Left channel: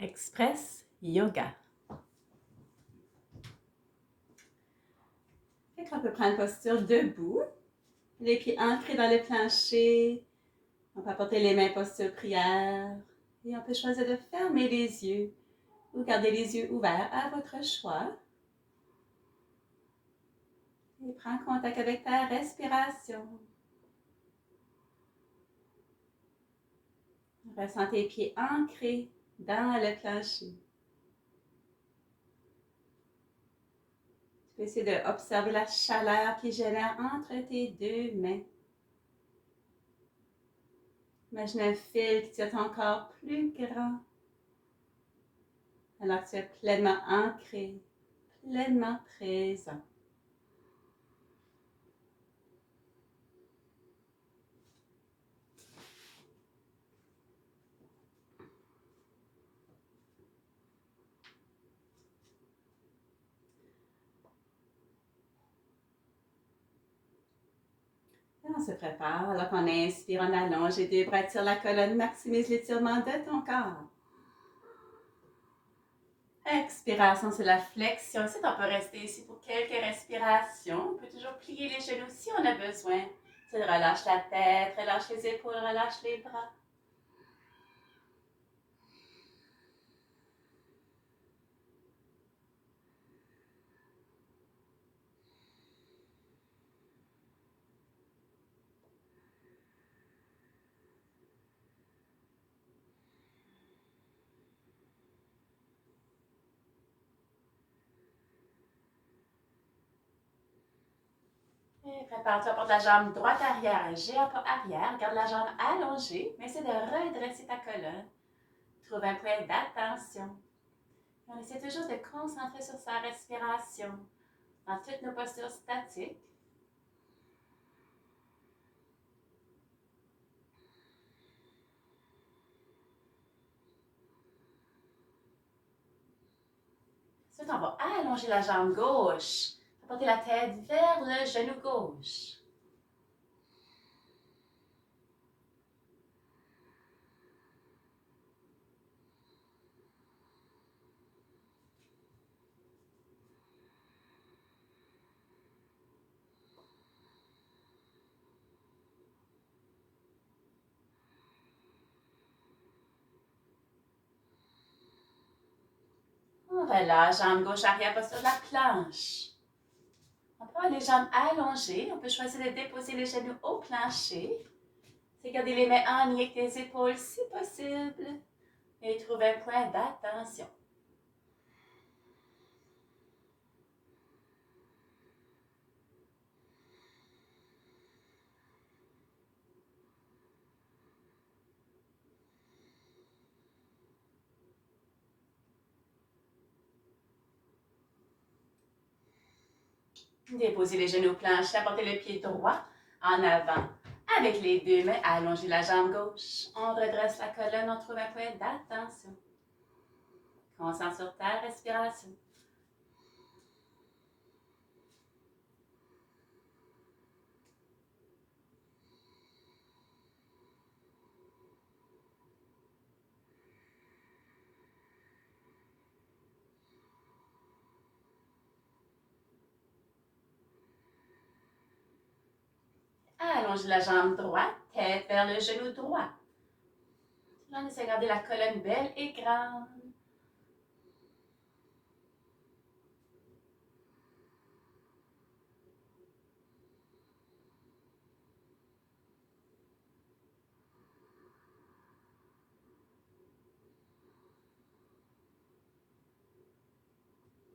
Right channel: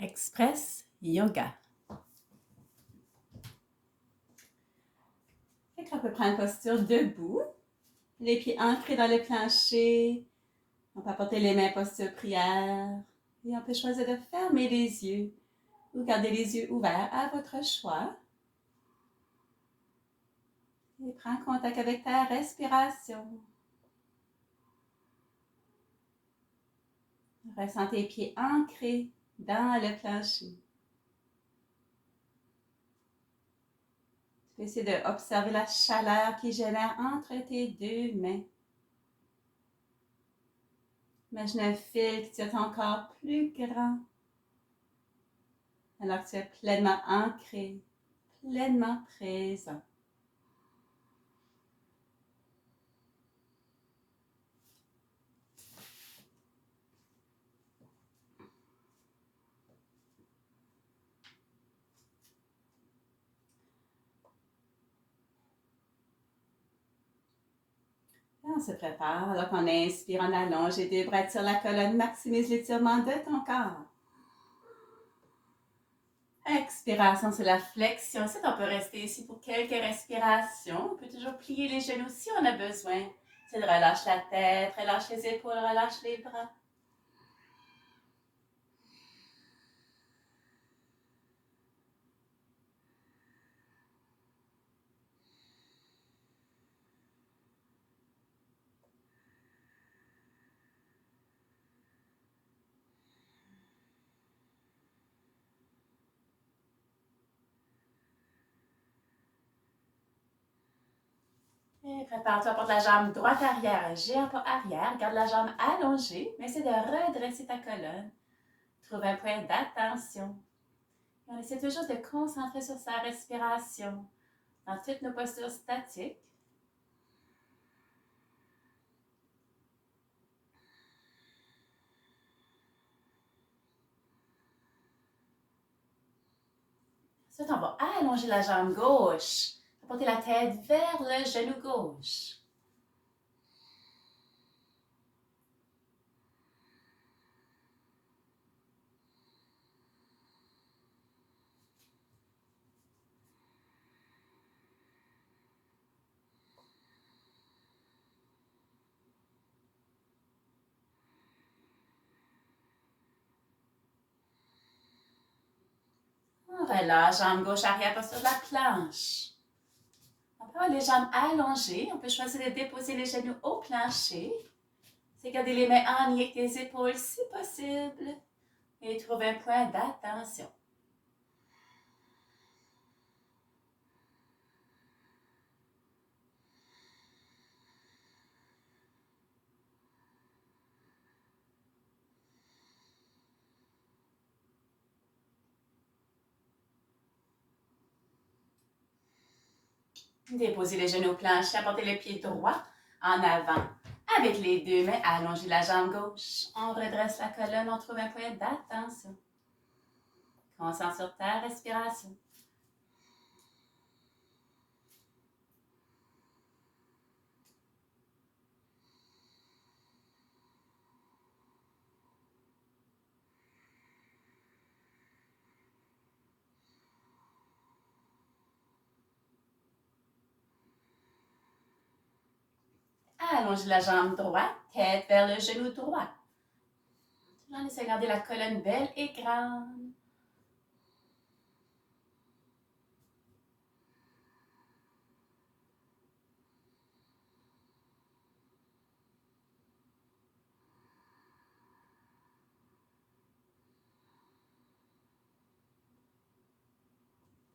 Express Yoga. On peut prendre une posture debout, les pieds ancrés dans le plancher. On peut apporter les mains posture prière. Et on peut choisir de fermer les yeux ou garder les yeux ouverts à votre choix. Et prends contact avec ta respiration. Ressens tes pieds ancrés dans le plancher. Tu peux essayer d'observer la chaleur qui génère entre tes deux mains. Imagine un fil qui tient ton corps plus grand. Alors que tu es pleinement ancré, pleinement présent. Et on se prépare. Alors qu'on inspire, on allonge les deux bras, tire la colonne, maximise l'étirement de ton corps. Expiration, c'est la flexion. Ensuite, on peut rester ici pour quelques respirations. On peut toujours plier les genoux si on a besoin. C'est de relâcher la tête, relâche les épaules, relâche les bras. Et prépare-toi pour la jambe droite arrière, géant pas arrière. Garde la jambe allongée, mais essaie de redresser ta colonne. Trouve un point d'attention. On essaie toujours de concentrer sur sa respiration dans toutes nos postures statiques. Ensuite, on va allonger la jambe gauche. Porter la tête vers le genou gauche. On relâche, jambe gauche arrière, posture de la planche. On peut avoir les jambes allongées. On peut choisir de déposer les genoux au plancher. C'est garder les mains en lien avec tes épaules si possible. Et trouver un point d'attention. Déposez les genoux au plancher, apportez le pied droit en avant. Avec les deux mains, allongez la jambe gauche. On redresse la colonne, on trouve un point d'attention. Concentre sur ta respiration. Allongez la jambe droite, tête vers le genou droit. On essaie de garder la colonne belle et grande.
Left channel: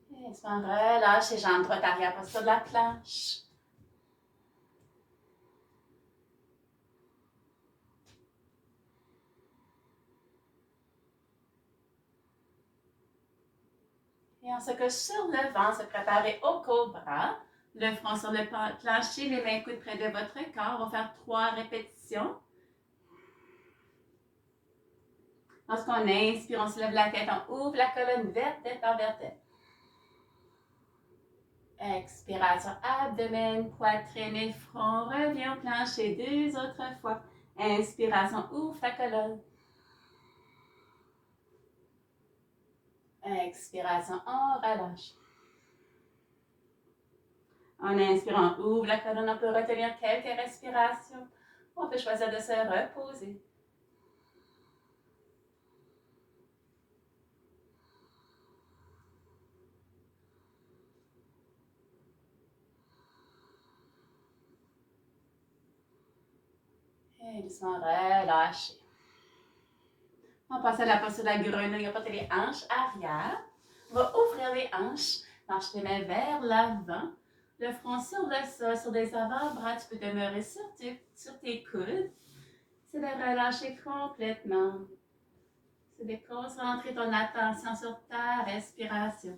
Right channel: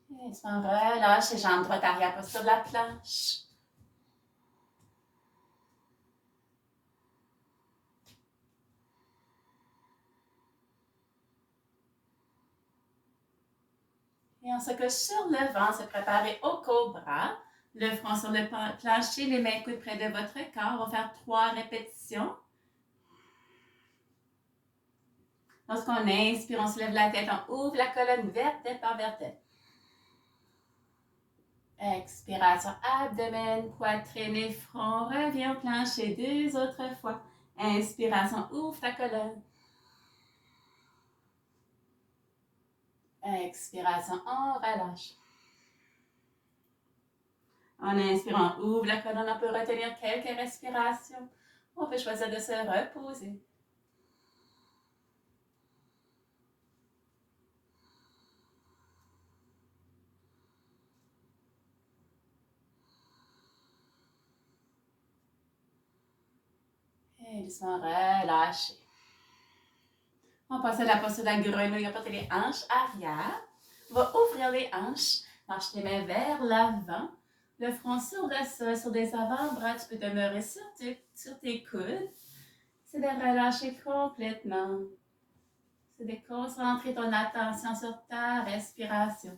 Et on relâche les jambes droite arrière, posture de la planche. Et on se couche sur le ventre, se préparer au cobra. Le front sur le plancher, les mains coudes près de votre corps. On va faire 3 répétitions. Lorsqu'on inspire, on soulève la tête, on ouvre la colonne vertèbre par vertèbre. Expiration, abdomen, poitrine et front. Reviens au plancher 2 autres fois. Inspiration, ouvre ta colonne. Expiration, on relâche. En inspirant, on ouvre la colonne, on peut retenir quelques respirations. On peut choisir de se reposer. Et doucement relâcher. On passe à la posture de la grenouille. On porte les hanches arrière. On va ouvrir les hanches. Marche les mains vers l'avant. Le front sur le sol, sur des avant-bras. Tu peux demeurer sur tes coudes. C'est de relâcher complètement. C'est de concentrer ton attention sur ta respiration.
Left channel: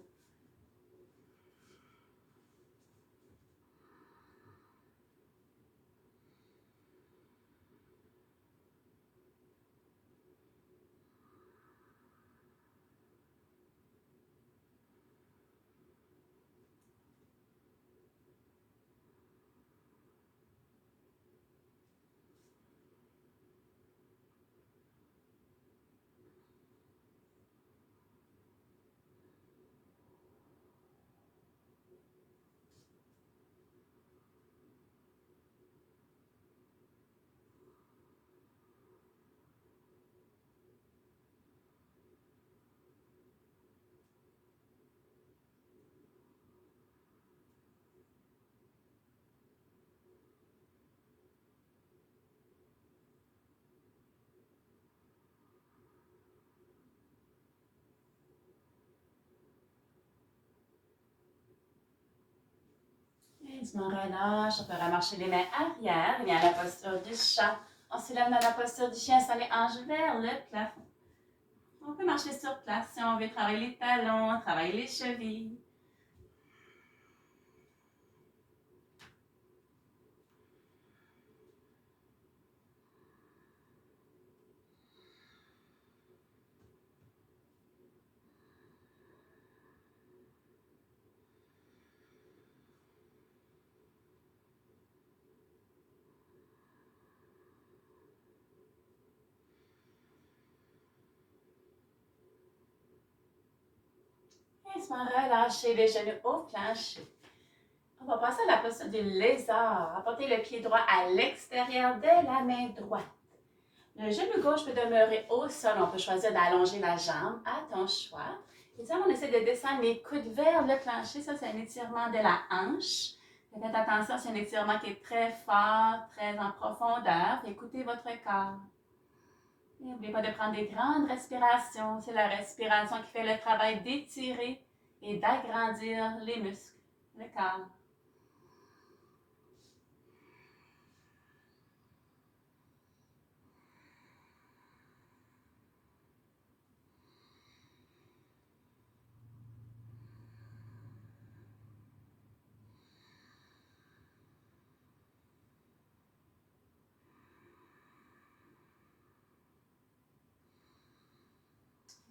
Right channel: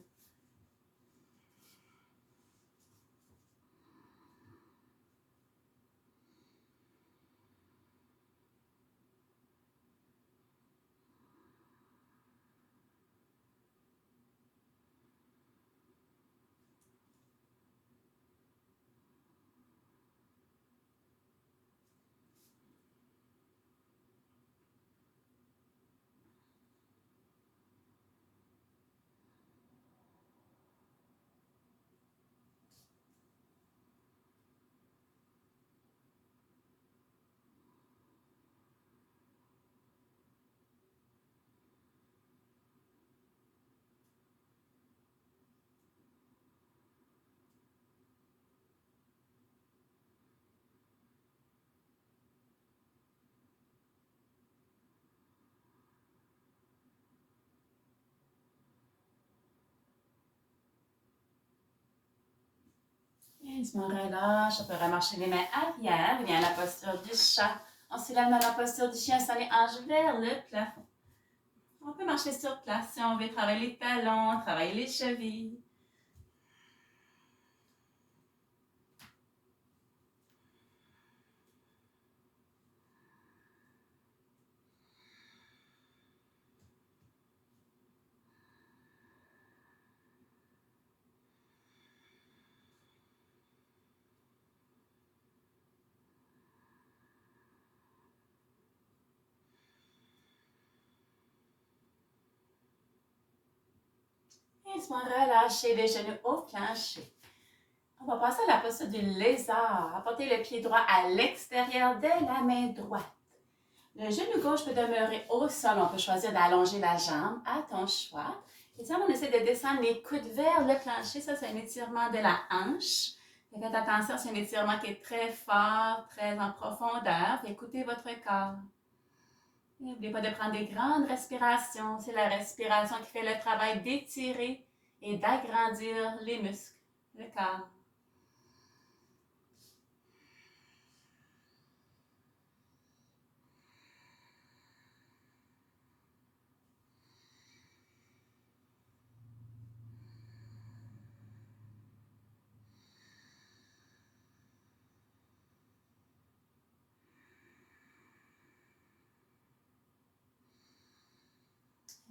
Et doucement relâche. On peut remarcher les mains arrière. Viens à la posture du chat. On s'élève dans la posture du chien sans les hanches vers le plafond. On peut marcher sur place si on veut travailler les talons, travailler les chevilles. Et doucement relâcher les genoux au plancher. On va passer à la posture du lézard. Apportez le pied droit à l'extérieur de la main droite. Le genou gauche peut demeurer au sol. On peut choisir d'allonger la jambe à ton choix. Et ça, on essaie de descendre les coudes vers le plancher. Ça, c'est un étirement de la hanche. Faites attention, c'est un étirement qui est très fort, très en profondeur. Écoutez votre corps. N'oubliez pas de prendre des grandes respirations. C'est la respiration qui fait le travail d'étirer et d'agrandir les muscles, le corps.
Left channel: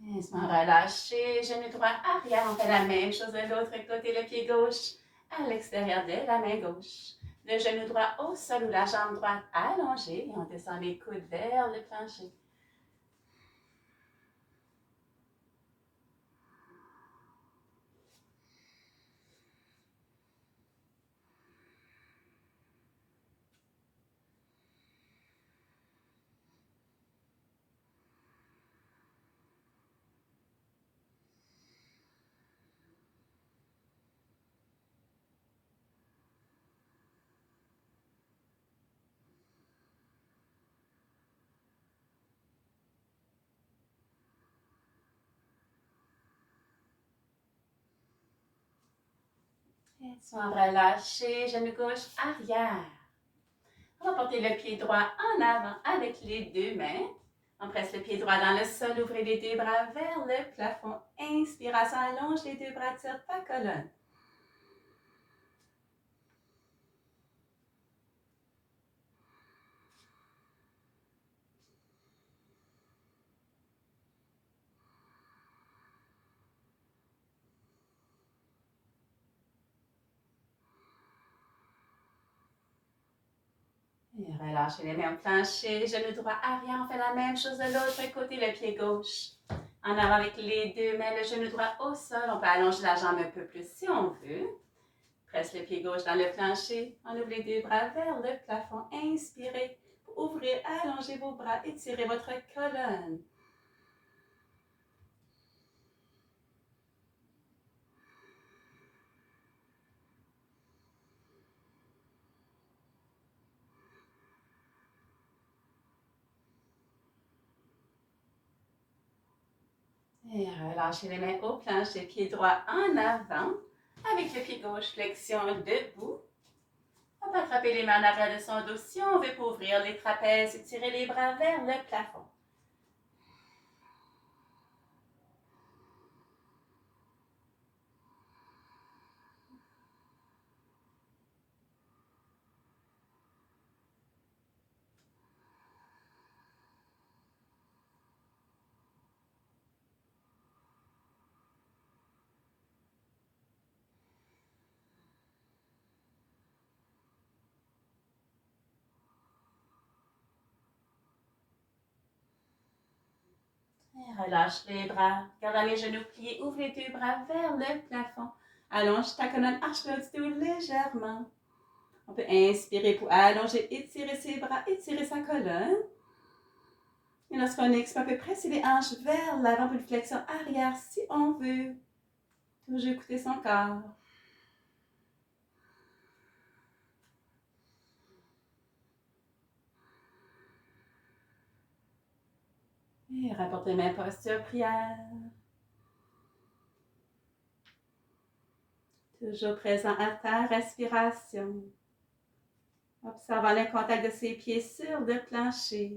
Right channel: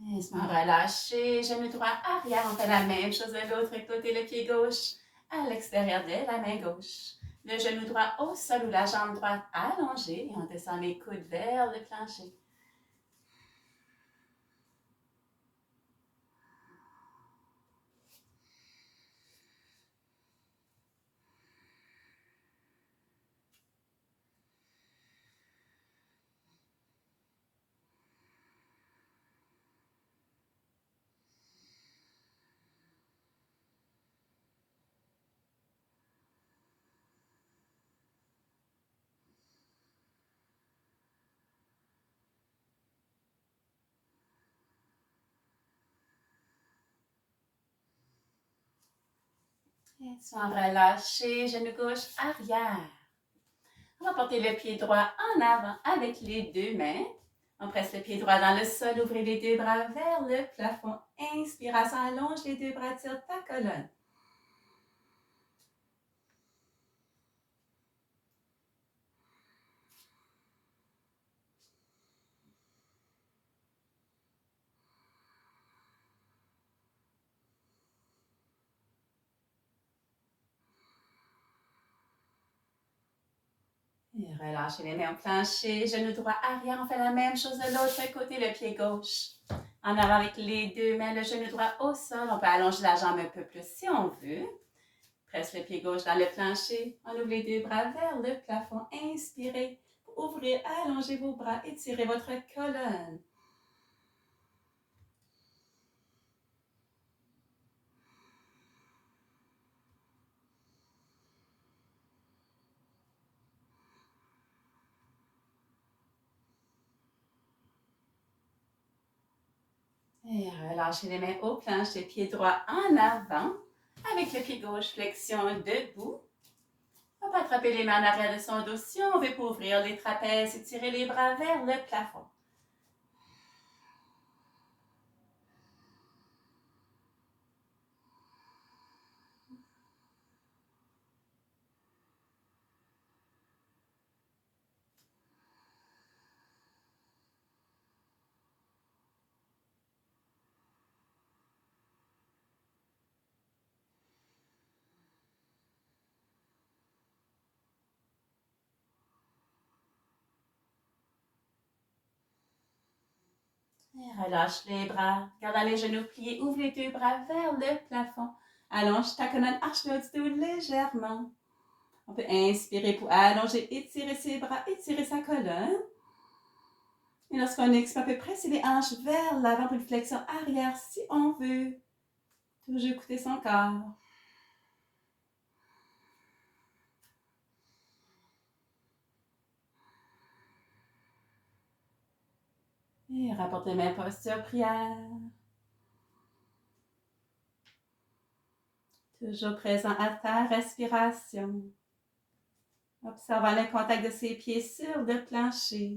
Laisse-moi relâcher, genou droit arrière. On fait la même chose de l'autre côté, le pied gauche à l'extérieur de la main gauche. Le genou droit au sol ou la jambe droite allongée et on descend les coudes vers le plancher. Laisse-moi relâcher, genou gauche arrière. On va porter le pied droit en avant avec les deux mains. On presse le pied droit dans le sol, ouvrez les deux bras vers le plafond. Inspiration, allonge les deux bras, tire ta colonne. Et relâchez les mains au plancher, genou droit arrière. On fait la même chose de l'autre côté, le pied gauche En avant avec les deux mains, le genou droit au sol. On peut allonger la jambe un peu plus si on veut. Presse le pied gauche dans le plancher. On ouvre les deux bras vers le plafond. Inspirez. Ouvrez, allongez vos bras. Étirez votre colonne. Et relâchez les mains au plancher, pied droit en avant. Avec le pied gauche, flexion debout. On peut attraper les mains en arrière de son dos si on veut pour ouvrir les trapèzes et tirer les bras vers le plafond. Et relâche les bras. Gardant les genoux pliés, ouvre les deux bras vers le plafond. Allonge ta colonne, arche le haut du dos légèrement. On peut inspirer pour allonger, étirer ses bras, étirer sa colonne. Et lorsqu'on expire, on peut presser les hanches vers l'avant pour une flexion arrière si on veut. Toujours écouter son corps. Et rapporte les mains posture prière. Toujours présent à ta respiration. Observant le contact de ses pieds sur le plancher.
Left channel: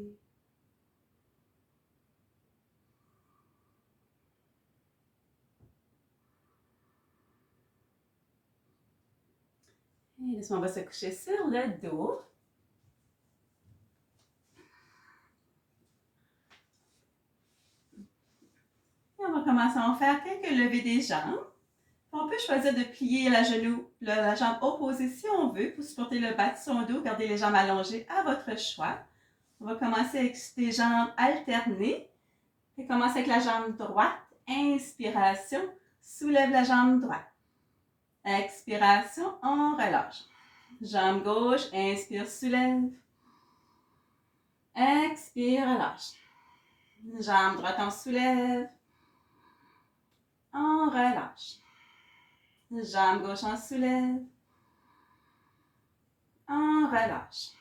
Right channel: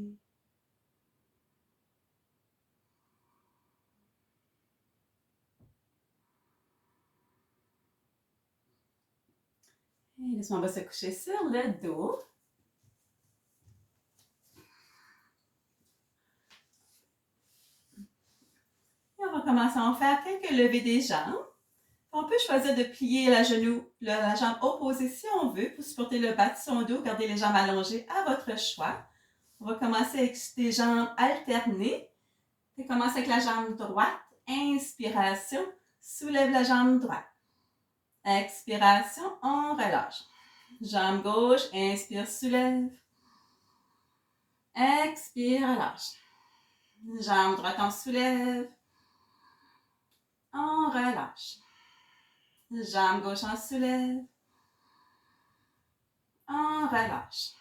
Et laissons, on va se coucher sur le dos. Et on va commencer à en faire quelques levées des jambes. On peut choisir de plier la jambe opposée si on veut pour supporter le bas de son dos, garder les jambes allongées à votre choix. On va commencer avec des jambes alternées. On commence avec la jambe droite. Inspiration, soulève la jambe droite. Expiration, on relâche. Jambe gauche, inspire, soulève. Expire, relâche. Jambe droite, on soulève. On relâche. Jambe gauche, on soulève. On relâche.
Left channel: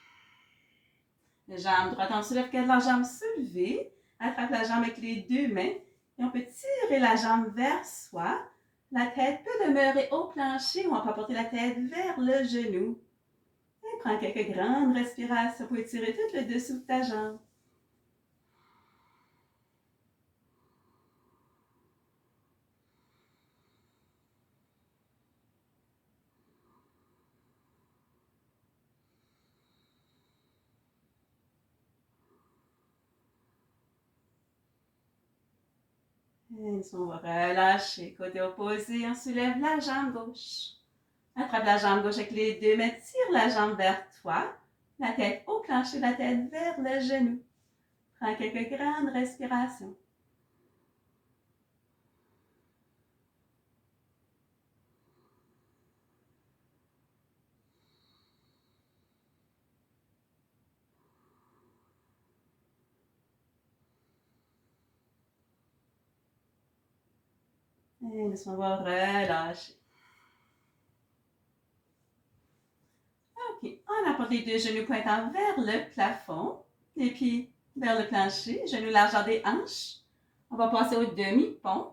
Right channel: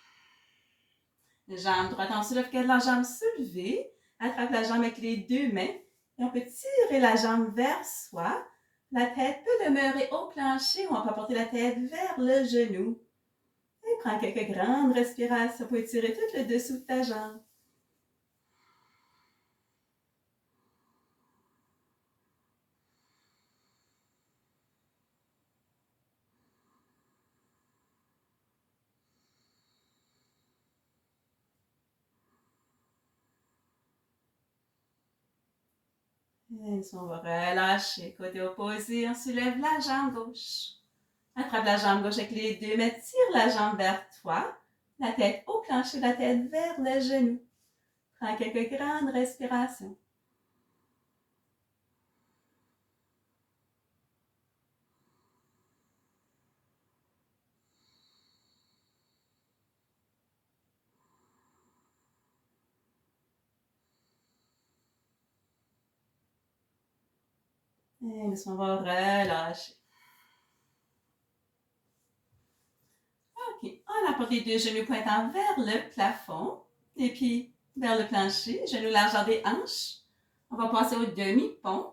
Jambe droite, on soulève, garde la jambe soulevée. Attrape la jambe avec les deux mains. Et on peut tirer la jambe vers soi. La tête peut demeurer au plancher ou on peut porter la tête vers le genou. Et prends quelques grandes respirations pour étirer tout le dessous de ta jambe. Et on va relâcher. Côté opposé, on soulève la jambe gauche. Attrape la jambe gauche avec les deux mains, tire la jambe vers toi. La tête au plancher, la tête vers le genou. Prends quelques grandes respirations. Et on va relâcher. Ok, on apporte les deux genoux pointant vers le plafond. Les pieds vers le plancher, genoux largeur des hanches. On va passer au demi-pont.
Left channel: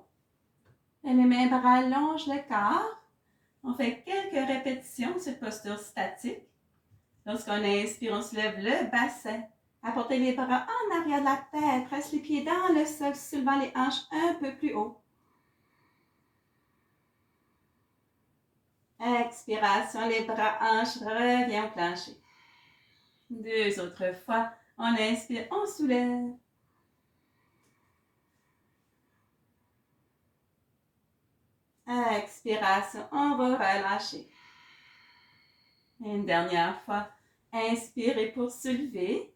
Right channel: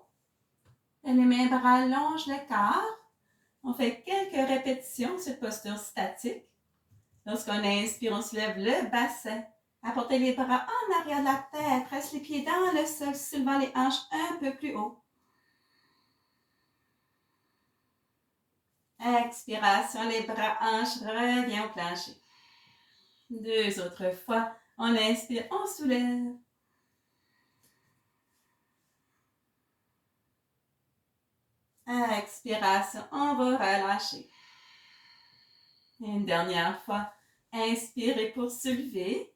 Les mains bras allongent le corps. On fait quelques répétitions de cette posture statique. Lorsqu'on inspire, on soulève le bassin. Apportez les bras en arrière de la tête. Presse les pieds dans le sol, soulevant les hanches un peu plus haut. Expiration, les bras hanches, revient au plancher. Deux autres fois. On inspire, on soulève. Expiration, on va relâcher. Et une dernière fois. Inspirez pour soulever.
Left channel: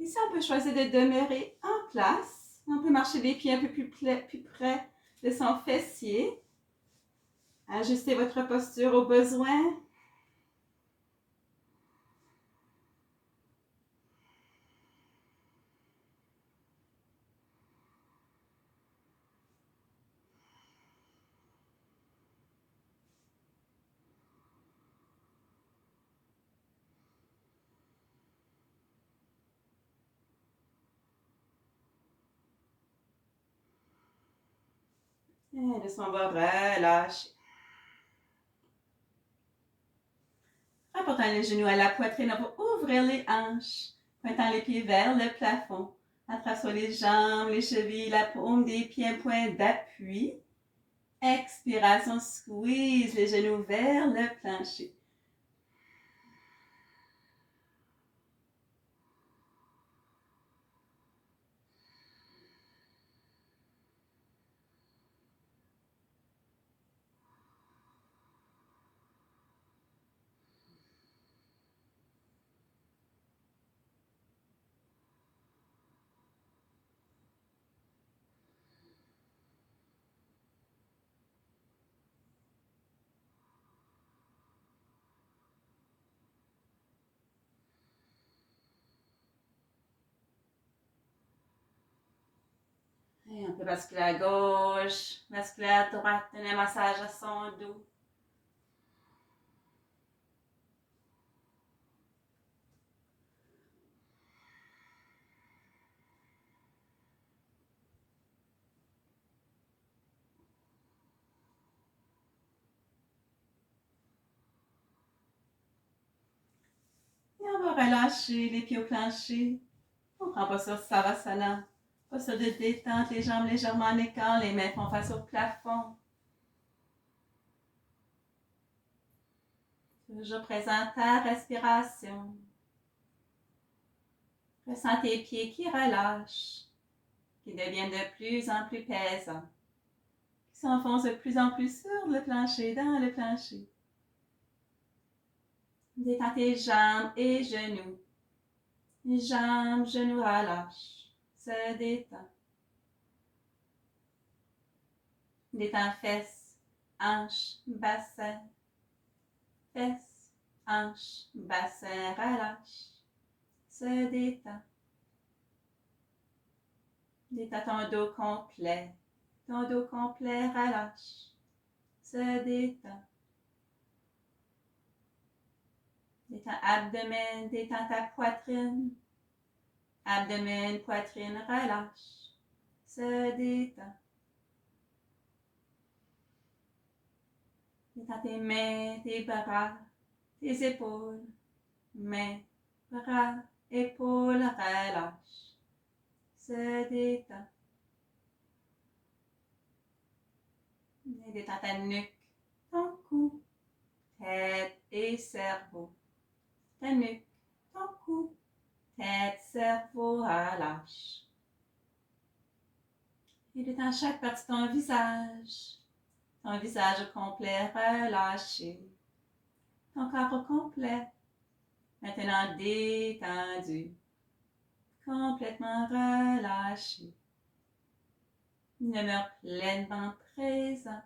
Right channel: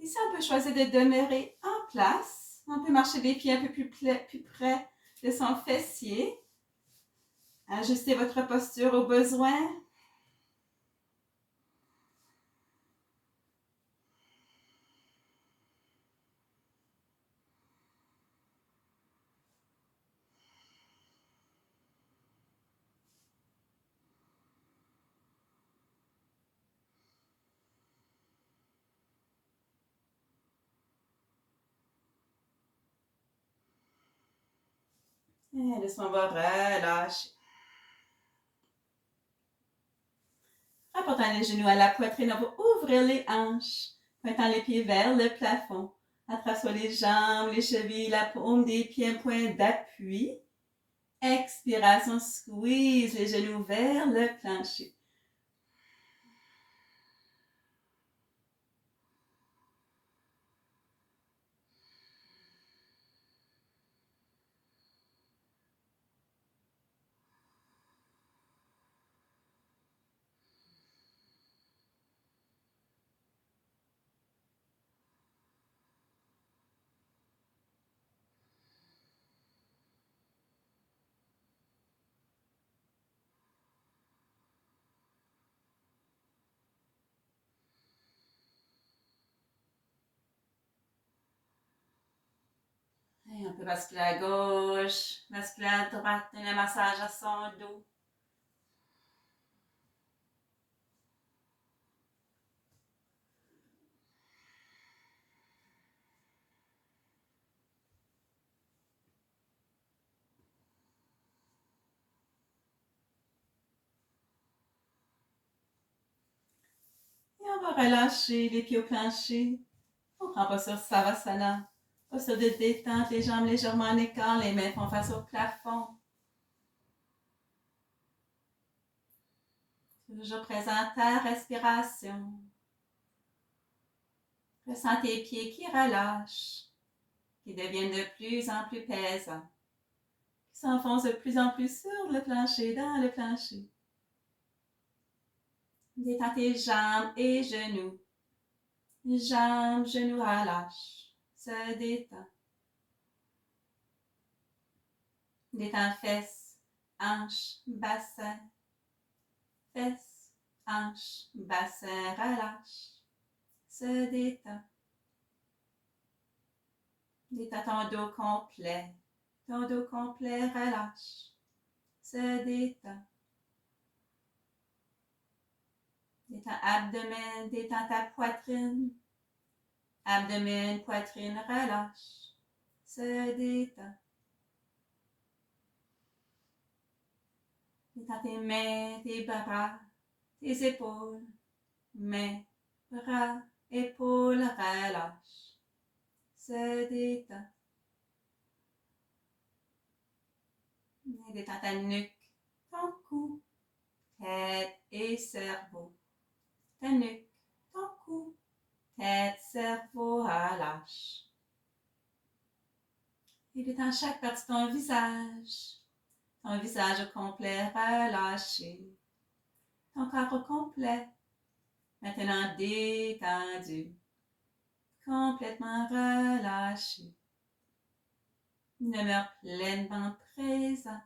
Ici, on peut choisir de demeurer en place On peut marcher les pieds un peu plus près de son fessier. Ajustez votre posture au besoin. Et doucement, on va relâcher. Rapportant les genoux à la poitrine, on va ouvrir les hanches, pointant les pieds vers le plafond. Attrape sur les jambes, les chevilles, la paume des pieds, un point d'appui. Expiration, squeeze les genoux vers le plancher. Et on peut basculer à gauche, basculer à droite, donner un massage à son dos. Et on va relâcher les pieds au plancher. On prend pas sur Savasana. Posture de détente, les jambes légèrement en écart, les mains font face au plafond. Toujours présent à ta respiration. Ressens tes pieds qui relâchent, qui deviennent de plus en plus pesants, qui s'enfoncent de plus en plus sur le plancher, dans le plancher. Détends tes jambes et genoux. Les jambes, genoux relâchent, se détend. Détends fesses, hanches, bassin. Fesses, hanches, bassin, relâche. Se détend. Détends ton dos complet. Ton dos complet relâche. Se détend. Détends abdomen, détends ta poitrine. Abdomen, poitrine, relâche. Se détend. Détends tes mains, tes bras, tes épaules. Mains, bras, épaules, relâche. Se détend. Et détends ta nuque, ton cou, tête et cerveau. Ta nuque, ton cou, tête, cerveau, relâche. Et détends chaque partie de ton visage au complet relâché, ton corps au complet, maintenant détendu, complètement relâché. Demeure pleinement présent.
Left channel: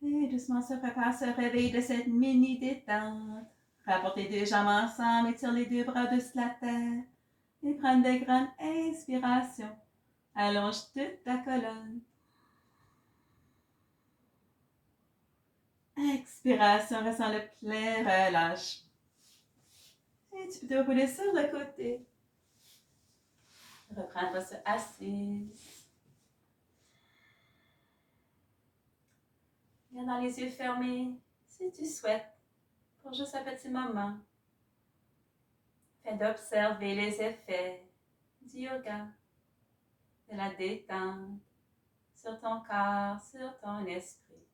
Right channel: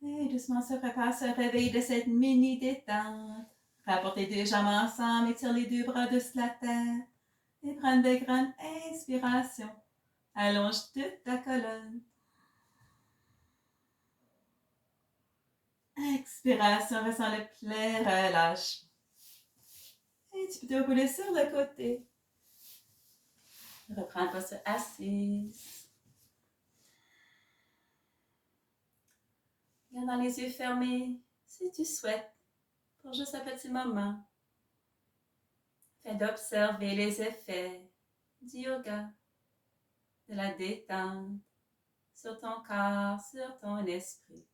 Et doucement se prépare ce réveil de cette mini détente. Rapporte les deux jambes ensemble, étire les deux bras de la terre et prends de grandes inspirations. Allonge toute ta colonne. Expiration, ressens le plein relâche. Et tu peux te rouler sur le côté. Reprends une posture assise. Gardant les yeux fermés, si tu souhaites, pour juste un petit moment. Fais d'observer les effets du yoga, de la détente sur ton corps, sur ton esprit.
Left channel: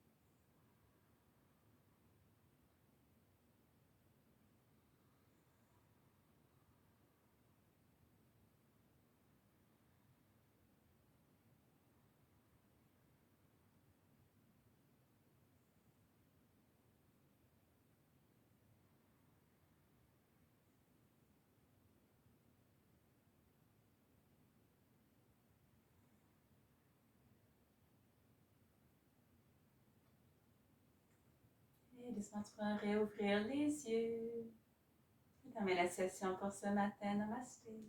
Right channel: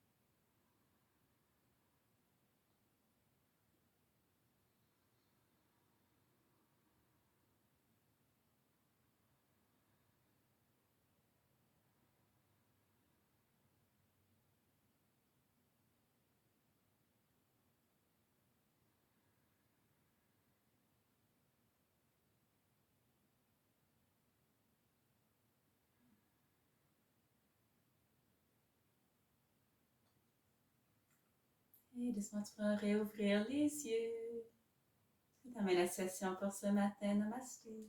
Et doucement, tu pourras réouvrir les yeux. Je termine la session pour ce matin. Namasté.